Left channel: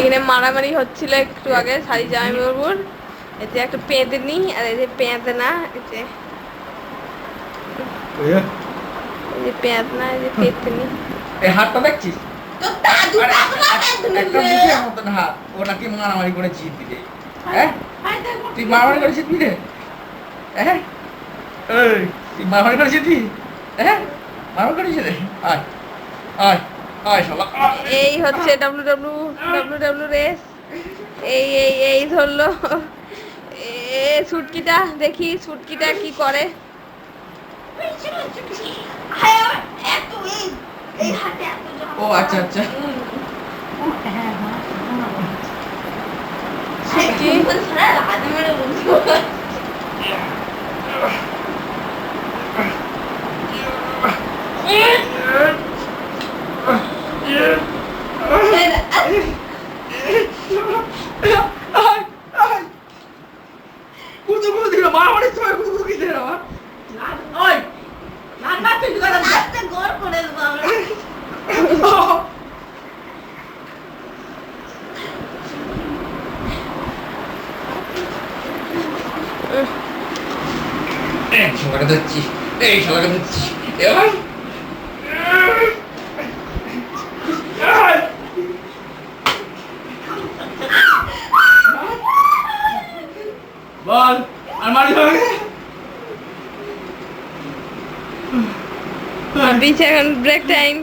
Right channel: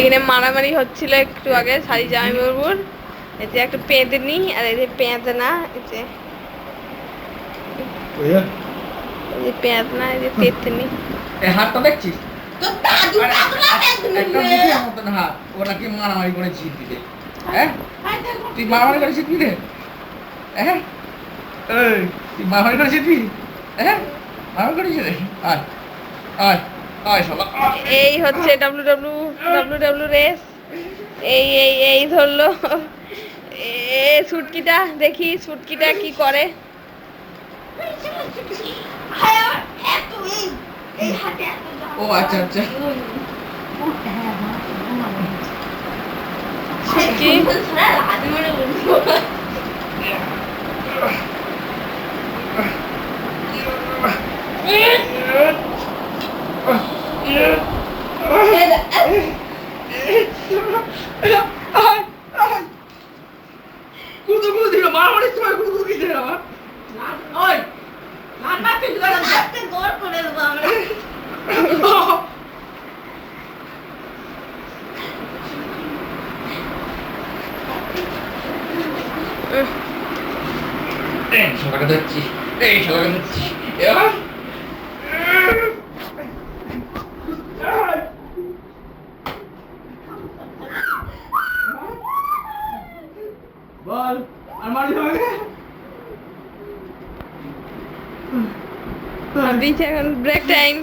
এখানে মারামারি হচ্ছিল একটু আগে শাড়ি জামাইবাবুর। এই যে একটা পেঁদনি আর এই যে পেঁদনা, এই যে পেঁদনা, এই যে পেতনি। এই হাতটা দেখছিস? একটা মুখের মতন হাত, ও নাকি মারামারি করে জিত দিবে। হ্যাঁ, তুই মারামারি করে জিতবি রে? হ্যাঁ, এই তুই মারামারি করে জিতবি? হ্যাঁ, মারামারি করে জিতে? আয় আয় আয় শালা। এই হচ্ছে ডাব্লু রেস। এই ধরলো সুটকিটা, দেখি সুটকিটা কি করে। ও আচ্ছা আচ্ছা। সুটকি শালাকে ধরছি, এই শালাকে ধরছি এবার। বল আলমারি হবে। এখন ব্রেক টাইম।